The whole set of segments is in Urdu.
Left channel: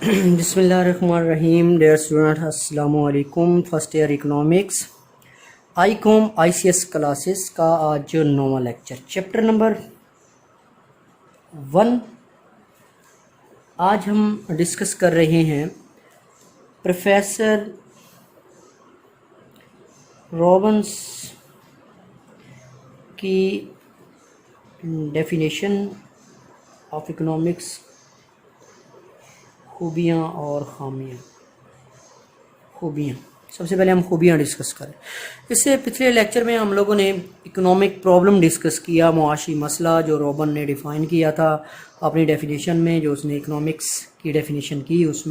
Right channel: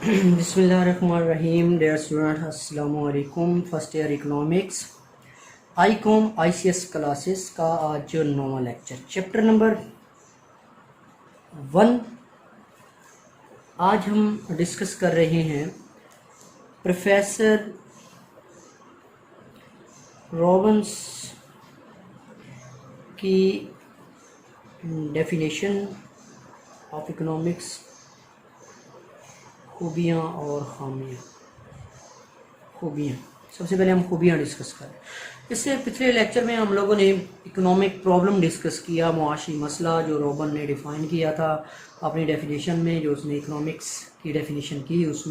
بسم اللہ الرحمن الرحیم. ڈیئر اسٹوڈنٹ السلام علیکم. فرسٹ ایئر اکنامکس آئی کوم آئی سی ایس کلاسز کا آج 9واں لیکچر چیپٹر نمبر 1. آج ہم ڈسکس کر رہے ہیں پروفیسر رابنس کی ڈیفینیشن آف اکنامکس، خوبیاں اور خامیاں. سب سے پہلے ہم خوبیاں ڈسکس کریں. اس سے پچھلے لیکچر میں ہم لوگوں نے اکنامک پرابلم ڈسکس کیا، معاشی مسئلہ جو روبن نے ڈیفائن کیا تھا اپنی ڈیفینیشن میں. جو اس نے اکنامکس کی ڈیفینیشن کی اس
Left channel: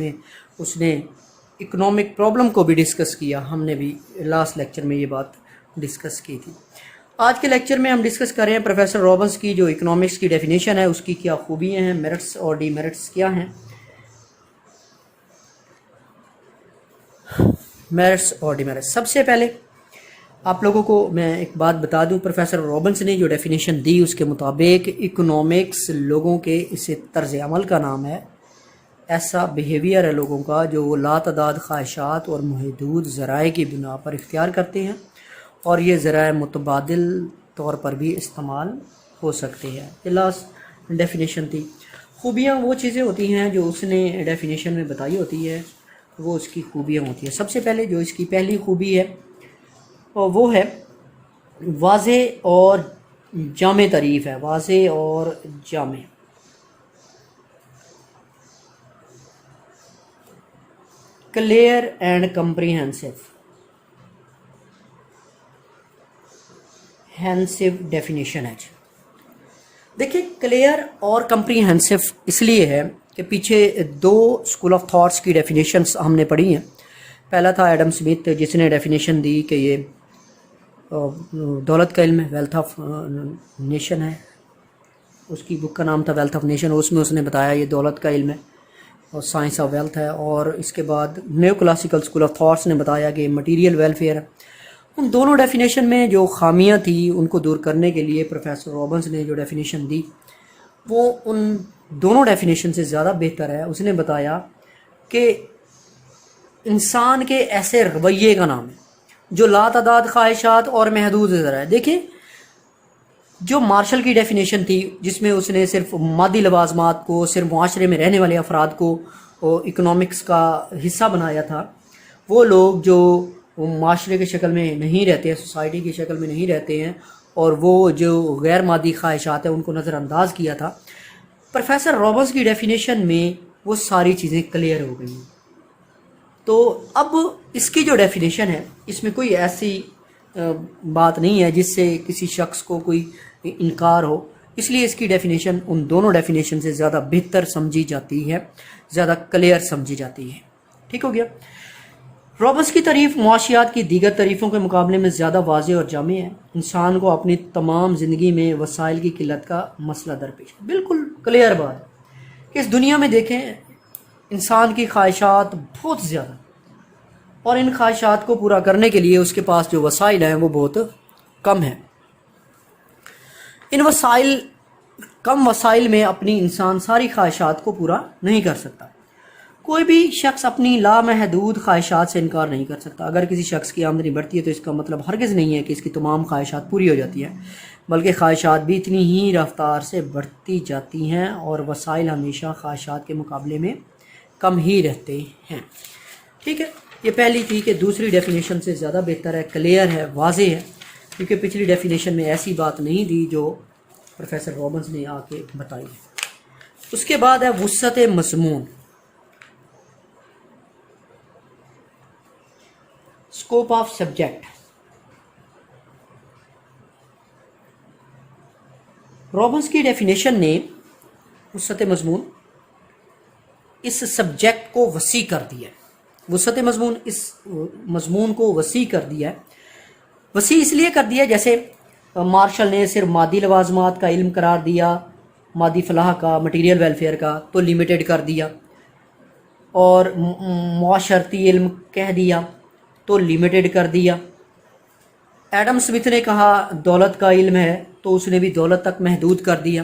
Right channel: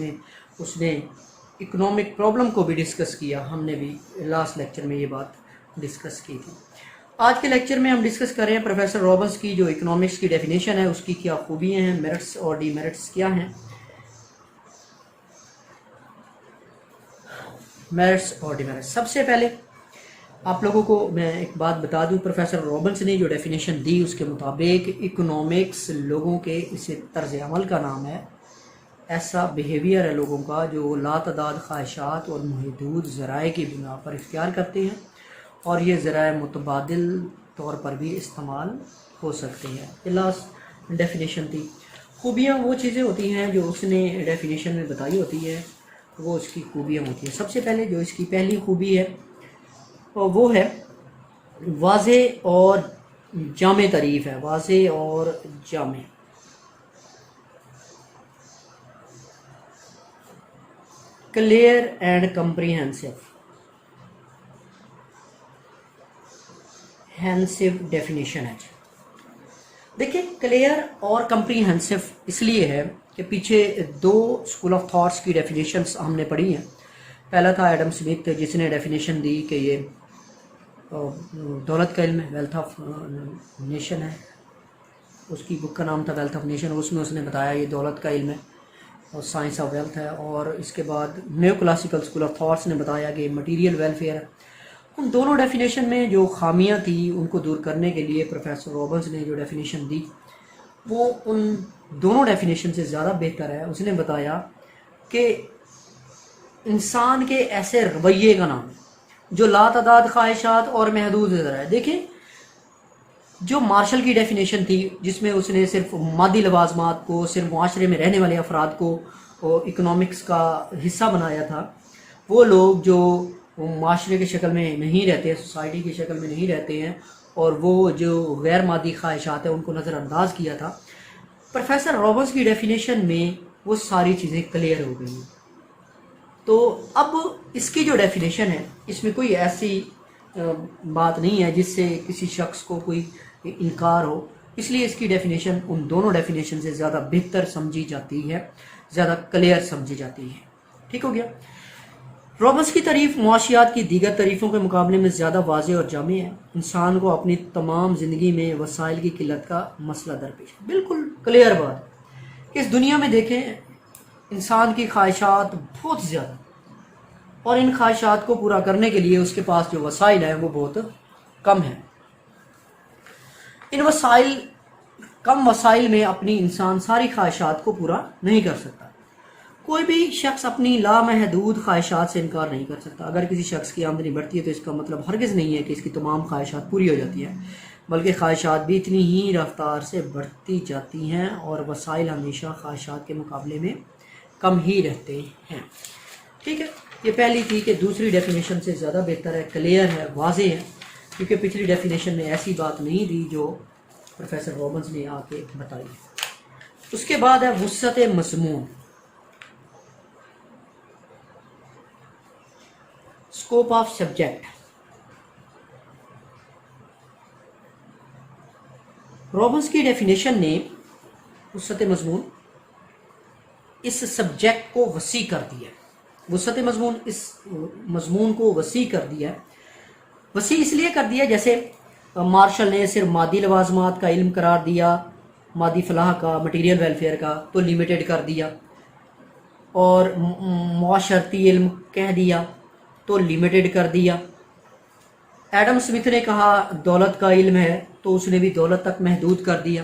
نے اکنامک پرابلم کو بھی ڈسکس کیا. ہم نے بھی لاسٹ لیکچر میں یہ بات ڈسکس کی تھی. آج کے لیکچر میں ہم ڈسکس کر رہے ہیں پروفیسر رابنس کی جو اکنامکس کی ڈیفینیشن ہے اس کی کیا خوبیاں ہیں، میرٹس اور ڈی میرٹس کیا ہیں. میرٹس اور ڈیمیرٹس. سب سے پہلے آپ لوگوں کو میں ایک بات بتا دوں، پروفیسر رابنس نے جو ڈیفینیشن دی اس کے مطابق اکنامکس لوگوں کے اسے طرز عمل کا نام ہے، ایسا بیہیویئر ہے لوگوں کا جو لاتعداد خواہشات اور محدود ذرائع کی بنا پر اختیار کرتے ہیں، اور یہ ذرائع متبادل طور پر بھی استعمال ہو سکتے ہیں. یہ لاسٹ ڈیفینیشن تھی. خوبیاں وہ چیزیں ہوتی ہیں جو اس نے ڈیفینیشن میں بتائی ہوتی ہے، وہ اس کی خوبیاں ہوتی ہیں. سب سے پہلے جو اس کی پہلی خوبی ہے وہ ہے واضح اور جامع تعریف ہے. واضح اور جامع. کلیئر اینڈ کمپریہنسو ڈیفینیشن ہے. دیکھیں، کلیئر اور کمپریہنسو اس لیے ہے کہ پیچھے دو اسکول آف تھاٹس کی ڈیفینیشنس ہم نے پڑھی ہیں. پہلا تھا ایڈم سمتھ جس نے ڈیفینیشن دی کہ یہ دولت کا علم ہے، ویلتھ آف نیشن ہے. اس کی بک کا نام تھا ویلتھ آف نیشن. اس میں اس نے بتایا یہ دولت کا علم ہے اور سائنس آف ویلتھ ہے. اور اس کے بعد new classical school of thoughts نے بتایا کہ مٹیریل ویلفیئر ہے. ان دونوں ڈیفینیشن میں جو خامیاں تھیں ان کو دور کرنے کے لیے پروفیسر رابنس نے جو ڈیفینیشن دی وہ ان دونوں ڈیفینیشن سے زیادہ بہتر ہے. اس نے بتایا کہ انسان کے ایسے رویے کا نام ہے جو لاتعداد خواہشات اور محدود ذرائع. دیکھیں، جو مارشل کی ڈیفینیشن تھی جس میں اس نے صرف مادی لوازمات کو، صرف معاشرے میں رہنے والے افراد کو اکنامکس کا حصہ بنایا تھا، وہ لوگ جو معاشرے کی شکل میں نہیں رہتے ہیں، سوسائٹی کی شکل میں نہیں رہتے ہیں، اور وہ جو غیر مادی خواہشات ہیں ان کو نظر انداز کیا تھا. پروفیسر رابنس کی ڈیفینیشن میں وہ ساری چیزیں کلیئر ہو گئی ہیں. تو اب اس کی جو ڈیفینیشن ہے اس میں کوئی ایسی بات نہیں ہے جس سے کسی شخص کو کوئی انکار ہو. اس لیے اس کی ڈیفینیشن ان دونوں ڈیفینیشن سے زیادہ بہتر سمجھی جاتی ہے، زیادہ کلیئر سمجھی جاتی ہے. ٹھیک ہو گیا. رابنس کی تعریف معاشیات کی دیگر تعریفوں کے مقابلے میں زیادہ واضح اور جامع ہے. انسان کو اپنی تمام زندگی میں وسائل کی قلت کا مسئلہ درپیش ہے. بالکل کلیئر بات کہ اس دنیا میں دیکھیں انسان کی خواہشات بہت زیادہ، اور ان خواہشات کو پورا کرنے کے لیے اس کے پاس جو وسائل ہیں وہ بہت کم ہیں. ان کم وسائل میں اپنی انسان ساری خواہشات کو پورا نہیں کر سکتا. کوئی بھی شخص اپنی لامحدود خواہشات سے انکار نہیں کر سکتا. اگر کسی شخص کی آمدنی بڑھتی ہے تو اس کا مطلب ہرگز نہیں ہے کہ اس کی تمام خواہشات پوری ہو جاتی ہیں، بلکہ خواہشات بھی اتنی ہی رفتار سے بڑھتی جاتی ہیں اور وسائل ہمیشہ خواہشات کے مقابلے میں کم ہی رہتے ہیں. ٹھیک ہے، یہ پہلی تھی کہ دوسری ڈیفینیشن سے زیادہ بہتر ہے، کلیئر ہے، واضح ہے، کیونکہ پچھلی ڈیفینیشن میں ایسی بات نہیں دی جو پروفیسر رابنس نے آ کے بتائی. اس کے بعد ہے وسعت مضمون، اسکوپ آف سبجیکٹ. رابنس کی ڈیفینیشن نے وسعت مضمون اس سبجیکٹ کو وسیع کر دیا. وسعت مضمون اس مضمون کو وسیع کر دیا. وسیع اس لیے کر دیا جیسے مارشل نے صرف مادی لوازمات کا علم قرار دیا، مادی فلاح کا، مٹیریل ویلفیئر کا، تو لیمیٹڈ کر دیا، اور معاشرتی علم کہہ دیا تو لیمیٹڈ کر دیا. ایڈم سمتھ نے کہا دولت کا علم ہے تو اس نے بھی دولت تک محدود کر دیا.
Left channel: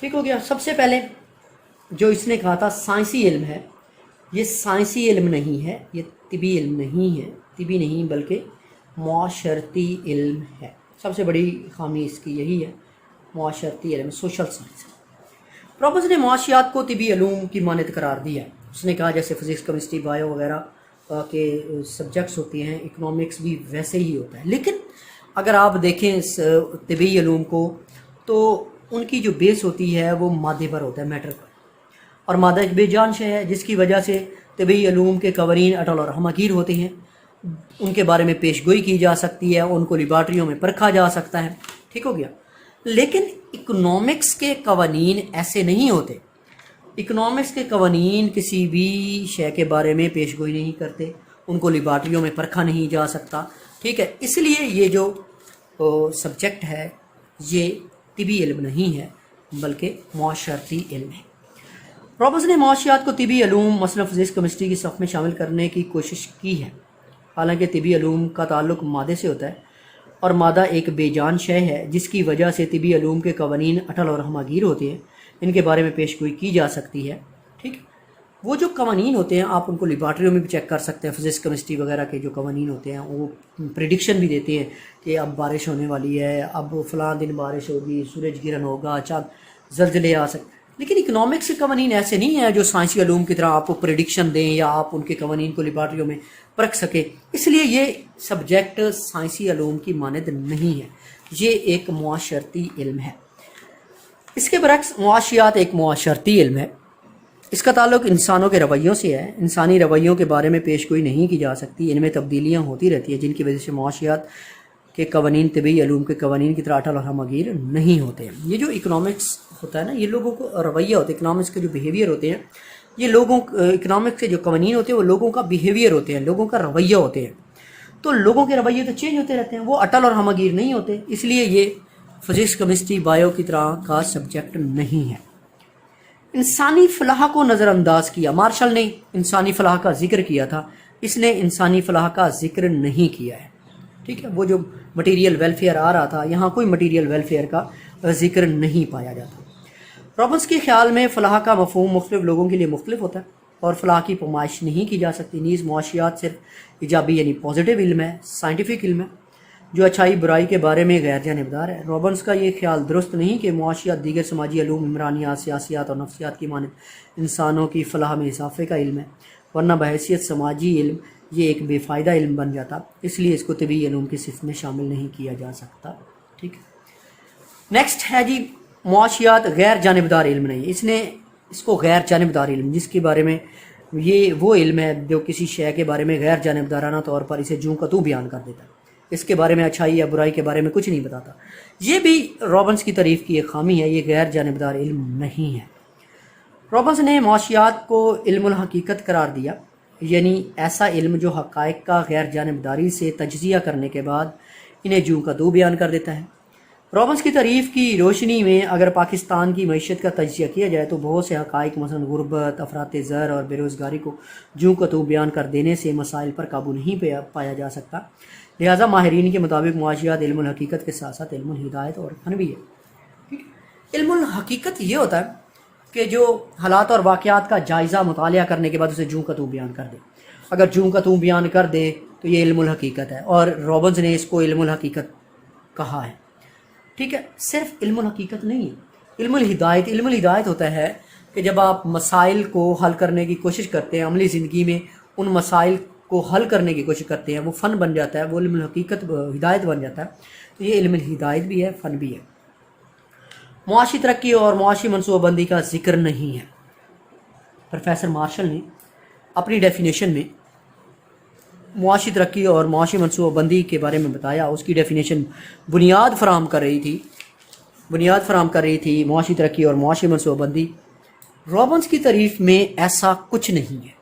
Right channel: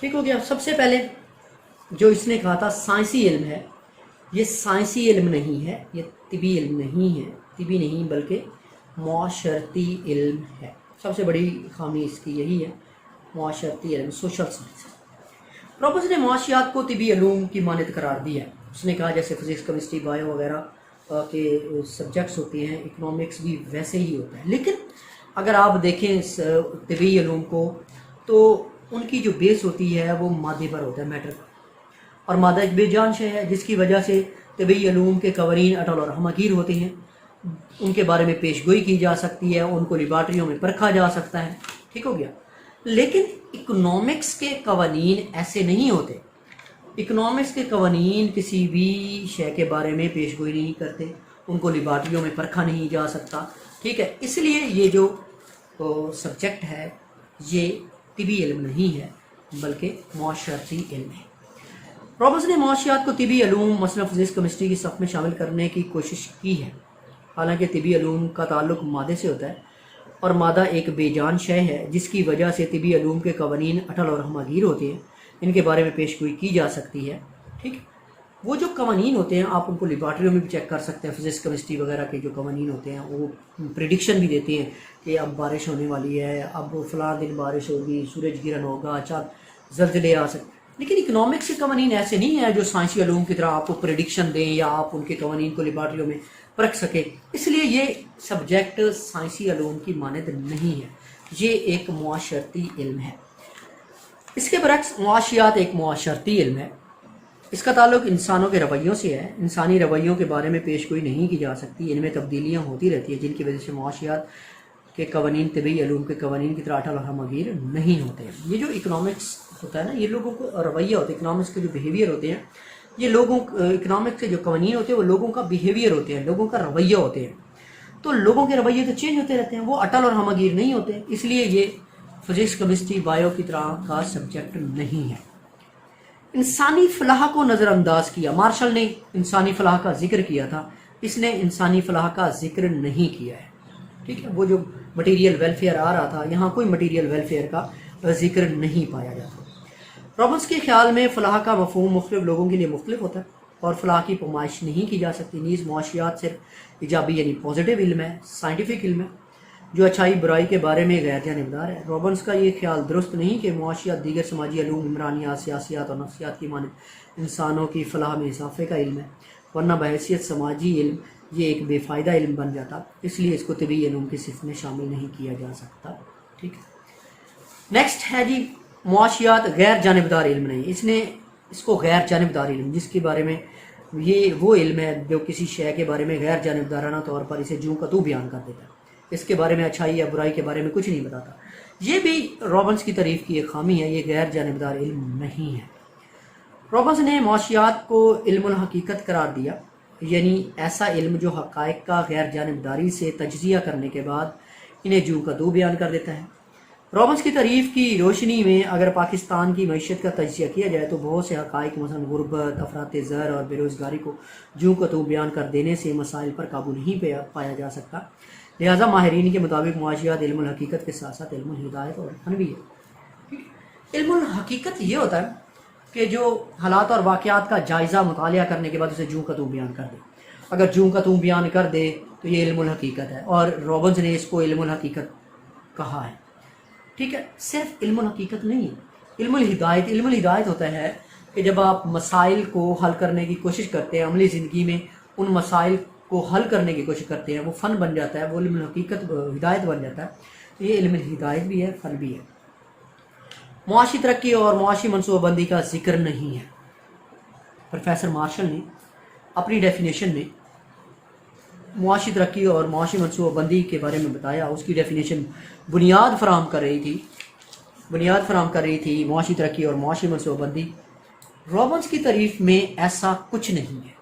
ٹھیک ہو گیا. سب سے پہلے جو اس نے کہا تھا سائنسی علم ہے، یہ سائنسی علم نہیں ہے، یہ طبی علم نہیں ہے، طبی نہیں بلکہ معاشرتی علم ہے. سب سے بڑی خامی اس کی یہی ہے، معاشرتی علم، سوشل سائنس. رابرٹس نے معاشیات کو طبی علوم کی مانند قرار دیا. اس نے کہا جیسے فزکس، کیمسٹری، بایو وغیرہ کے سبجیکٹس ہوتے ہیں، اکنامکس بھی ویسے ہی ہوتا ہے. لیکن اگر آپ دیکھیں اس طبی علوم کو تو ان کی جو بیس ہوتی ہے وہ مادے پر ہوتا ہے، میٹر پر. اور مادہ ایک بے جان شے ہے جس کی وجہ سے طبی علوم کے قوانین اٹل اور ہمگیر ہوتے ہیں. ان کے بارے میں پیش گوئی کی جا سکتی ہے، ان کو لیبارٹریوں میں پرکھا جا سکتا ہے. ٹھیک ہو گیا. لیکن اکنامکس کے قوانین ایسے نہیں ہوتے. اکنامکس کے قوانین کسی بھی شے کے بارے میں پیش گوئی نہیں کرتے، ان کو لیبارٹریوں میں پرکھا نہیں جا سکتا. ٹھیک ہے. اس لیے یہ جو سبجیکٹ ہے یہ طبی علم نہیں ہے بلکہ معاشرتی علم ہے. رابرٹس نے معاشیات کو طبی علوم مثلا فزکس، کیمسٹری کی صف میں شامل کرنے کی کوشش کی ہے. حالانکہ طبی علوم کا تعلق مادے سے ہوتا ہے اور مادہ ایک بے جان شے ہے جس کی وجہ سے طبی علوم کے قوانین اٹل اور ہمگیر ہوتے ہیں، ان کے بارے میں پیش گوئی کی جا سکتی ہے. ٹھیک. وہ جو قوانین ہوتے ہیں آپ ان کو لیبارٹریوں میں بھی چیک کر سکتے ہیں. فزکس، کیمسٹری وغیرہ کے جو قوانین ہوتے ہیں وہ پریڈکشن بھی دیتے ہیں کہ اب بارش ہونے والی ہے، اب فلاں دن بارش ہوگی، سورج گرہن ہوگا، چاند زلزلے آ سکتے. لیکن اکنامکس کے قوانین ایسے نہیں ہیں جو سائنسی علوم کی طرح آپ کو پریڈکشن دیں یا آپ ان کے قوانین کو لیبارٹریوں میں پرکھ سکیں. اس لیے یہ سبجیکٹ سائنسی علوم کی مانند نہیں ہے، یہ ایک معاشرتی علم ہے. اس کے برعکس معاشیات ایک معاشرتی علم ہے. اس کا تعلق انسانوں کے رویوں سے ہے. انسانی رویوں کے بارے میں پیش گوئی نہیں کی جا سکتی، ان میں تبدیلیاں ہوتی رہتی ہیں جن کی وجہ سے معاشیات کے قوانین طبی علوم کے قوانین کی طرح اٹل اور ہمگیر نہیں ہوتے ہیں. یہ جو اکنامکس ہوتا ہے نا، یہ لوگوں کو رویہ ہوتا ہے. اکنامکس کے جو بیہیویئر ہوتے ہیں یہ لوگوں، اکنامکس کے جو قوانین ہوتے ہیں وہ لوگوں کا بیہیویئر ہوتے ہیں، لوگوں کا رویہ ہوتے ہیں. تو لوگوں کے رویے تو چینج ہوتے رہتے ہیں، وہ اٹل اور ہمگیر نہیں ہوتے. اس لیے یہ فزکس، کیمسٹری، بایو کی طرح کا سبجیکٹ نہیں ہے. انسانی فلاح کو نظر انداز کیا. مارشل نے انسانی فلاح کا ذکر کیا تھا، اس نے انسانی فلاح کا ذکر نہیں کیا ہے. ٹھیک ہے. وہ جو مٹیریل ویلفیئر آ رہا تھا، یہاں کوئی مٹیریل ویلفیئر کا ذکر نہیں پایا جاتا. رابرٹس کے خیال میں فلاح کا مفہوم مختلف لوگوں کے لیے مختلف ہوتا ہے اور فلاح کی پیمائش نہیں کی جا سکتی. نیز معاشیات صرف ایجابی یعنی پازیٹیو علم ہے، سائنٹیفک علم ہے جو اچھائی برائی کے بارے میں غیر جانبدار ہے. رابرٹس کا یہ خیال درست نہیں کہ معاشیات دیگر سماجی علوم، عمرانیات، سیاسیات اور نفسیات کی مانند انسانوں کی فلاح میں اضافے کا علم ہے، ورنہ بحیثیت سماجی علم یہ ایک بے فائدہ علم بن جاتا. اس لیے اس کو طبی علوم کی صف میں شامل نہیں کیا جا سکتا. ٹھیک ہے. نیکسٹ ہے جی معاشیات غیر جانبدار علم نہیں. اس نے اس کو غیر جانبدار علم، جس کے بارے میں یہ وہ علم ہے جو کسی شے کے بارے میں غیر جانبدارانہ طور پر اسے جوں کا تو بیان کر دیتا ہے، اس کے بارے میں اچھائی یا برائی کے بارے میں کچھ نہیں بتاتا. یہ بھی رابرٹس کی تعریف کی ایک خامی ہے، یہ غیر جانبدار علم نہیں ہے. رابرٹس نے معاشیات کو علم الحقیقت قرار دیا، یعنی ایسا علم جو حقائق کا غیر جانبداری سے تجزیہ کرنے کے بعد انہیں جوں کا تو بیان کر دیتا ہے. رابرٹس کی تعریف کی روشنی میں اگر پاکستان کی معیشت کا تجزیہ کیا جائے تو بہت سے حقائق مثلا غربت، افراط زر اور بے روزگاری کو جوں کا تو بیان کر دینے سے مسائل پر قابو نہیں پایا جا سکتا. لہٰذا ماہرین کے مطابق معاشیات علم الحقیقت کے ساتھ ساتھ علم الہدایت اور فن بھی ہے. علم الحقیقت یہ ہوتا ہے کہ جو حالات اور واقعات کا جائزہ مطالعہ کرنے کے بعد اسے جوں کا تو بیان کر دے. اگر جوں کا تو بیان کر دے تو یہ علم الحقیقت ہے، اور رابرٹس نے اس کو علم الحقیقت کہا ہے. ٹھیک ہے. صرف علم الحقیقت نہیں ہے، علم الہدایت. علم الہدایت ہوتا ہے کہ جب آپ مسائل کو حل کرنے کی کوشش کرتے ہیں، عملی زندگی میں ان مسائل کو حل کرنے کی کوشش کرتے ہیں، وہ فن بن جاتا ہے، وہ علم الحقیقت ہدایت بن جاتا ہے. تو یہ علم الہدایت بھی ہے، فن بھی ہے. معاشی ترقی اور معاشی منصوبہ بندی کا ذکر نہیں ہے. پروفیسر مارشل نے اپنی ڈیفینیشن میں معاشی ترقی اور معاشی منصوبہ بندی کے بارے میں بتایا. اس کی ڈیفینیشن بنیاد فراہم کر رہی تھی معاشی ترقی اور معاشی منصوبہ بندی. رابرٹس کی تعریف میں ایسا کچھ نہیں ہے.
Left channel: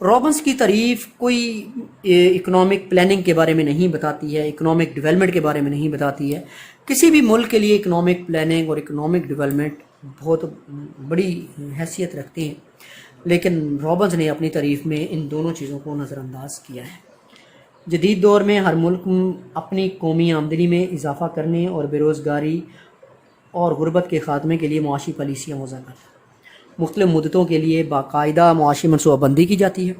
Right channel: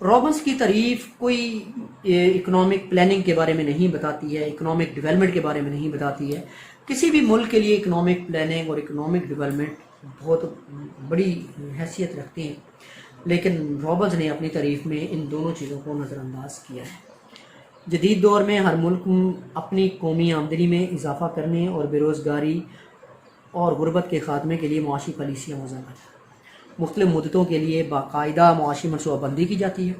رابرٹس کی تعریف کوئی اکنامک پلاننگ کے بارے میں نہیں بتاتی ہے، اکنامک ڈیولپمنٹ کے بارے میں نہیں بتاتی ہے. کسی بھی ملک کے لیے اکنامک پلاننگ اور اکنامک ڈیولپمنٹ بہت بڑی حیثیت رکھتے ہیں، لیکن رابرٹس نے اپنی تعریف میں ان دونوں چیزوں کو نظر انداز کیا ہے. جدید دور میں ہر ملک اپنی قومی آمدنی میں اضافہ کرنے اور بے روزگاری اور غربت کے خاتمے کے لیے معاشی پالیسیاں وضع کرتا ہے۔ مختلف مدتوں کے لیے باقاعدہ معاشی منصوبہ بندی کی جاتی ہے،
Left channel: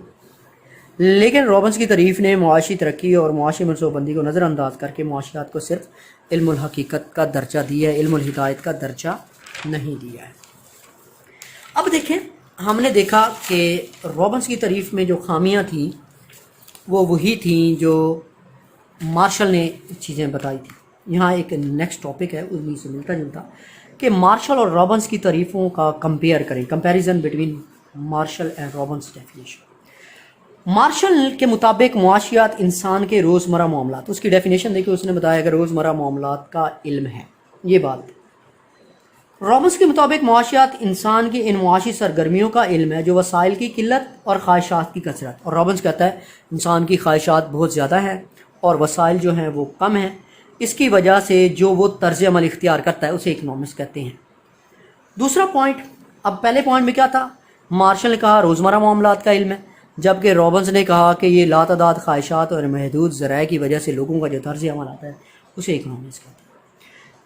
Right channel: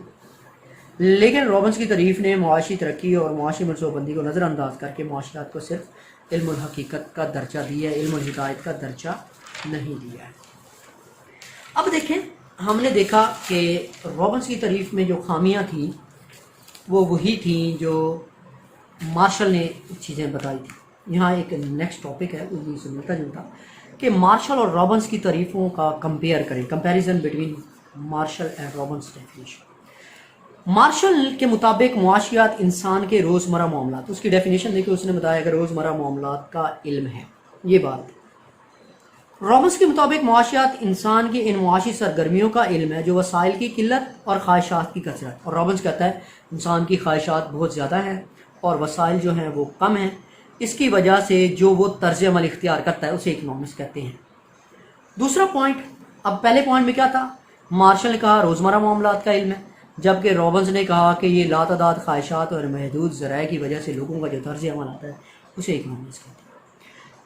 لیکن رابنس کی تعریف نے معاشی ترقی اور معاشی منصوبہ بندی کو نظر انداز کر کے معاشیات کو صرف علم الحقیقت کا درجہ دیا ہے، علم الہدایت کا درجہ نہیں دیا ہے۔ اب دیکھیں، ہم نے دیکھا کہ رابنس کی تعریف میں جو خامیاں تھیں وہ وہی تھیں جو مارشل نے چیزیں بتائی تھیں۔ یہاں ایک نیکسٹ ٹاپک ہے انہیں سے ملتا جلتا کہ مارشل اور رابنس کی تعریفوں کا کمپیئر کریں، comparison between Marshall and Robbins definition. Marshall کے مطابق معاشیات انسان کے روزمرہ معاملات، اس کی ڈیفینیشن دیکھیں، اس نے بتایا کہ روزمرہ معاملات کا علم ہے، یہ بات۔ رابنس کے مطابق معاشیات انسان کی ان معاشی سرگرمیوں کا علم ہے جو وسائل کی قلت اور خواہشات کی کثرت، اور رابنس کہتا ہے انسان کی خواہشات بہت زیادہ ہیں اور وسائل جو ہیں وہ کم ہیں، اس کی وجہ سے جو وہ طرز عمل اختیار کرتا ہے اسے اکنامکس کہتے ہیں۔ دوسرا پوائنٹ، اب پہلے پوائنٹ میں کیا تھا؟ مارشل نے کہا روزمرہ معاملات کا علم ہے، جبکہ رابنس نے کہا کہ یہ لاتعداد خواہشات اور محدود ذرائع کی وجہ سے لوگوں کا جو طرز عمل آتا ہے اسے اکنامکس کہتے ہیں۔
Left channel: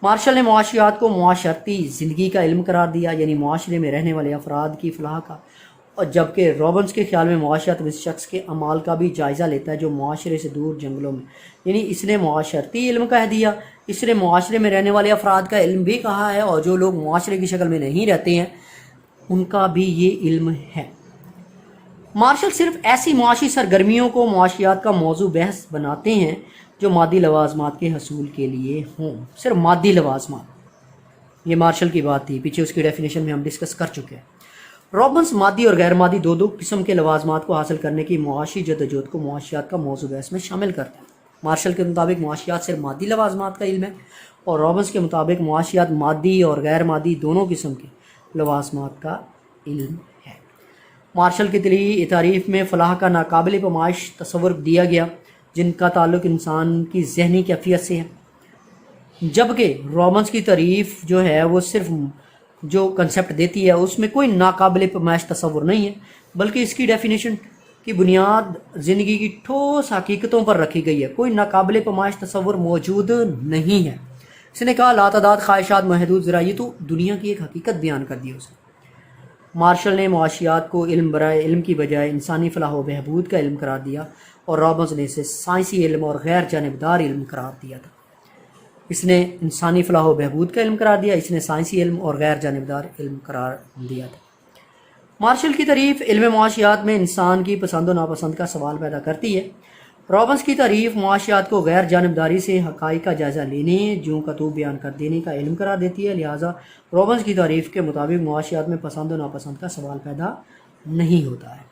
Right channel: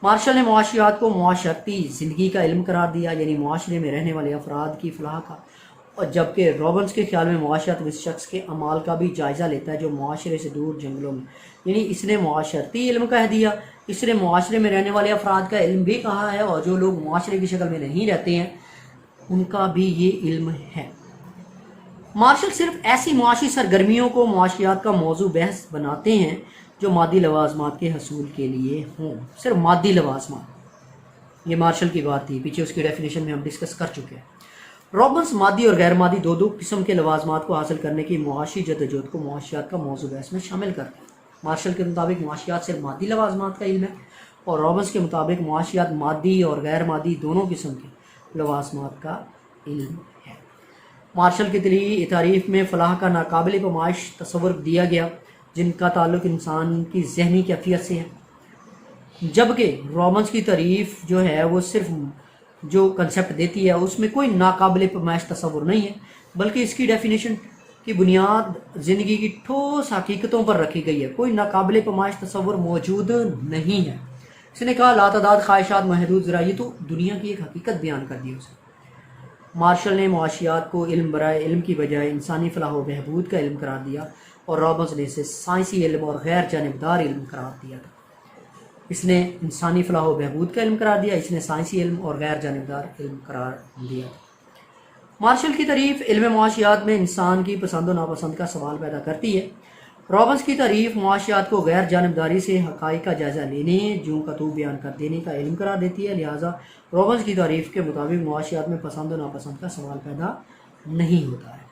مارشل نے معاشیات کو معاشرتی زندگی کا علم قرار دیا، یعنی معاشرے میں رہنے والے افراد کی فلاح کا، اور جبکہ رابنس کے خیال میں معاشیات اس شخص کے اعمال کا بھی جائزہ لیتا ہے جو معاشرے سے دور جنگلوں میں، یعنی اس نے معاشرتی علم کہہ دیا، اس نے معاشرے میں رہنے والے افراد کا علم بھی کہا ہے، اور جو لوگ معاشرے کی شکل میں نہیں رہتے ہیں ان کا بھی یہ علم ہے۔ مارشل صرف ایسی معاشی سرگرمیوں کو معاشیات کا موضوع بحث بناتے ہیں جو مادی لوازمات کے حصول کے لیے ہوں، صرف مادی لوازمات، یہ مارشل کی بات تھی، پیچھے اس کی ڈیفینیشن میں ہم ڈسکس کر چکے ہیں۔ رابنس مادی اور غیر مادی دو قسم کے لوازمات کو حاصل کرنے کی معاشی جدوجہد کو معاشیات کا موضوع بحث میں شامل کرتا ہے۔ مارشل کے مطابق معاشیات صرف مادی لوازمات کا علم ہے، اور رابنس کے مطابق معاشیات مادی اور غیر مادی دونوں قسم کے لوازمات کا علم ہے۔ مارشل کی تعریف میں فلاح کا ناقابل پیمائش تصور دیا گیا جن کا تعلق انسان کی ذہنی کیفیت سے ہے، جبکہ رابنس کی تعریف جو ہے وہ صرف جو کنسیپٹ دیتی ہے اس میں کوئی ناقابل پیمائش تصور نہیں ہے، بلکہ اس کی ڈیفینیشن کی بنیاد زندگی کی ٹھوس حقیقتوں پر رکھی گئی ہے، کوئی ناقابل پیمائش تصور موجود نہیں ہے۔ اس نے کہا لاتعداد خواہشات محدود ذرائع، تو دنیا کی ایک حقیقت بیان کر دی اسے۔ مارشل نے معاشیات کو علم برائے علم کی بجائے انسانی فلاح و بہبود کا علم قرار دیا، اور رابنس نے اسے سائنسی علم اور غیر جانبدار علم قرار دیا تھا۔ اس نے انسانی فلاح و بہبود کا علم قرار دیا، اس نے سائنسی علم اور غیر جانبدار علم قرار دیا تھا۔ مارشل کی تعریف علم معاشیات میں انسان کی پسند و ناپسند کا سوال پیدا کرتی ہے۔ رابنس کی تعریف معاشیات کو غیر جانبداری سے حقائق کا جائزہ لینے، جو کتب بیان کر دینے کا علم قرار دیتی ہے، لہٰذا رابنس کی تعریف کے مطابق معاشیات میں پسند و ناپسند کا سوال پیدا نہیں ہوتا ہے۔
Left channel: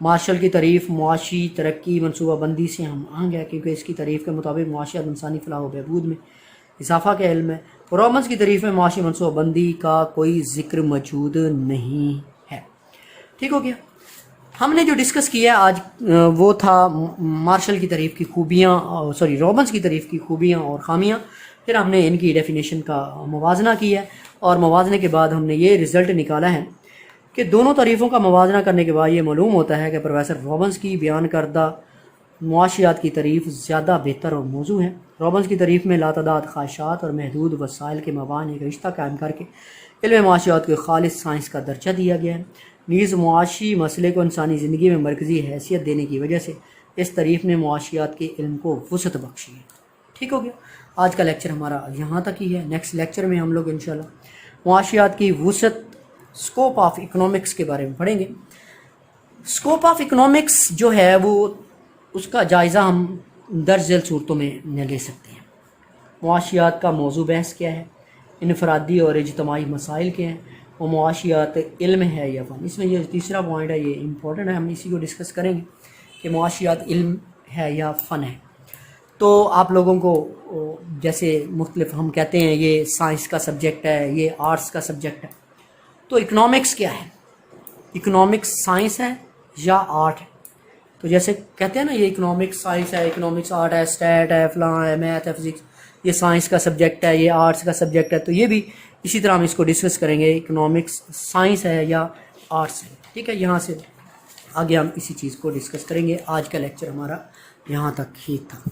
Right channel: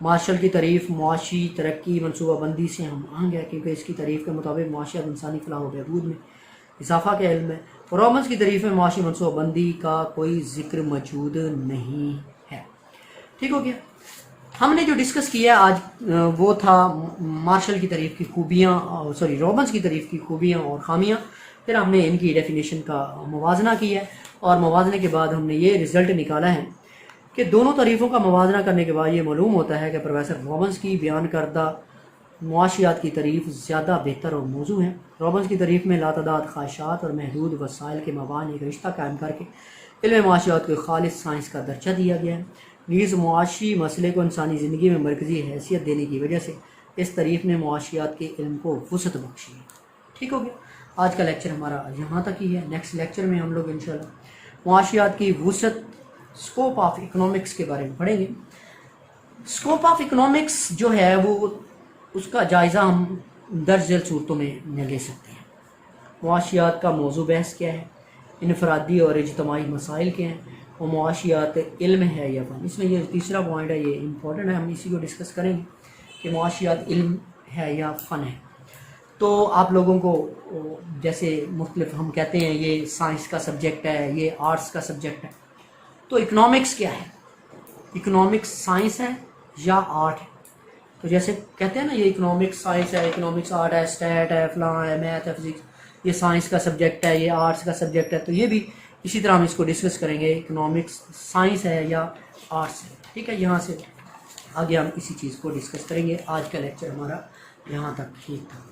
مارشل کی تعریف معاشی ترقی منصوبہ بندی سے ہم آہنگ ہے، کیونکہ اس کی تعریف کے مطابق معاشیات انسانی فلاح و بہبود میں اضافہ کا علم ہے۔ رابنس کی تعریف میں معاشی منصوبہ بندی کا کوئی ذکر موجود نہیں ہے۔ ٹھیک ہو گیا؟ ہم نے جو ڈسکس کیا آج وہ تھا مارشل کی تعریف کی خوبیاں، رابنس کی تعریف کی خوبیاں اور خامیاں، پھر ہم نے ان کی ڈیفینیشن کا موازنہ کیا ہے، اور موازنے کے بعد ہم نے یہ رزلٹ نکالا ہے کہ دونوں تعریفوں کا موازنہ کرنے کے بعد یہ معلوم ہوتا ہے کہ پروفیسر رابنس کی بیان کردہ معاشیات کی تعریف زیادہ بہتر اور موزوں ہے۔ رابنس کی تعریف میں لاتعداد خواہشات اور محدود وسائل کے مابین ایک رشتہ قائم کر کے علم معاشیات کو خالص سائنس کا درجہ دیا گیا ہے، نیز معاشی مسئلے کو انسانی زندگی میں مرکزی حیثیت دینے کی وجہ سے اس تعریف نے معاشیات کے علم کو وسعت بخشی ہے۔ ٹھیک ہو گیا؟ آج کا لیکچر ہمارا یہاں تک ہی ہے۔ نیکسٹ لیکچر میں ہم لوگ انشاءاللہ معاشیات کی وسعت، اسکوپ آف اکنامکس کے بارے میں پڑھیں گے۔ اسکوپ آف اکنامکس جو ہے وہ اس کا جائزہ ہم درج ذیل صورتوں میں لے سکتے ہیں۔ معاشیات کا موضوع بحث کیا ہے، انفرادی اور اجتماعی مسائل کیا ہیں، اور معاشیات علم ہے یا فن۔ اس میں یہ تیسرا پوائنٹ ہے، یہ امپورٹنٹ ہے، ہم اسی کو ڈسکس کریں گے کہ معاشیات علم ہے یا فن ہے۔ تو آپ لوگوں کو جیسے مختلف ہم کہتے ہیں یہ سائنس کا سبجیکٹ ہے، یہ آرٹس کا سبجیکٹ ہے، تو اکنامکس کیا ہے؟ اکنامکس سائنس ہے یا آرٹ ہے؟ تو جیسے کہتے ہیں نا یہ اکنامکس سائنس ہے، اکنامکس آرٹ ہے، اسٹیٹ ہے، فلاں ہے، میتھ ہے، فزکس، یہ سائنس کا سبجیکٹ ہے، یہ آرٹس کا سبجیکٹ ہے، تو یہ بھی اسی طرح ہم اس کو ڈسکس کریں گے، اکنامکس سائنس ہے یا آرٹس ہے۔ ٹھیک ہے، یہاں سے آگے ہم اسی چیز کو ڈسکس کریں گے۔ آج کا لیکچر ہمارا یہاں تک ہی تھا۔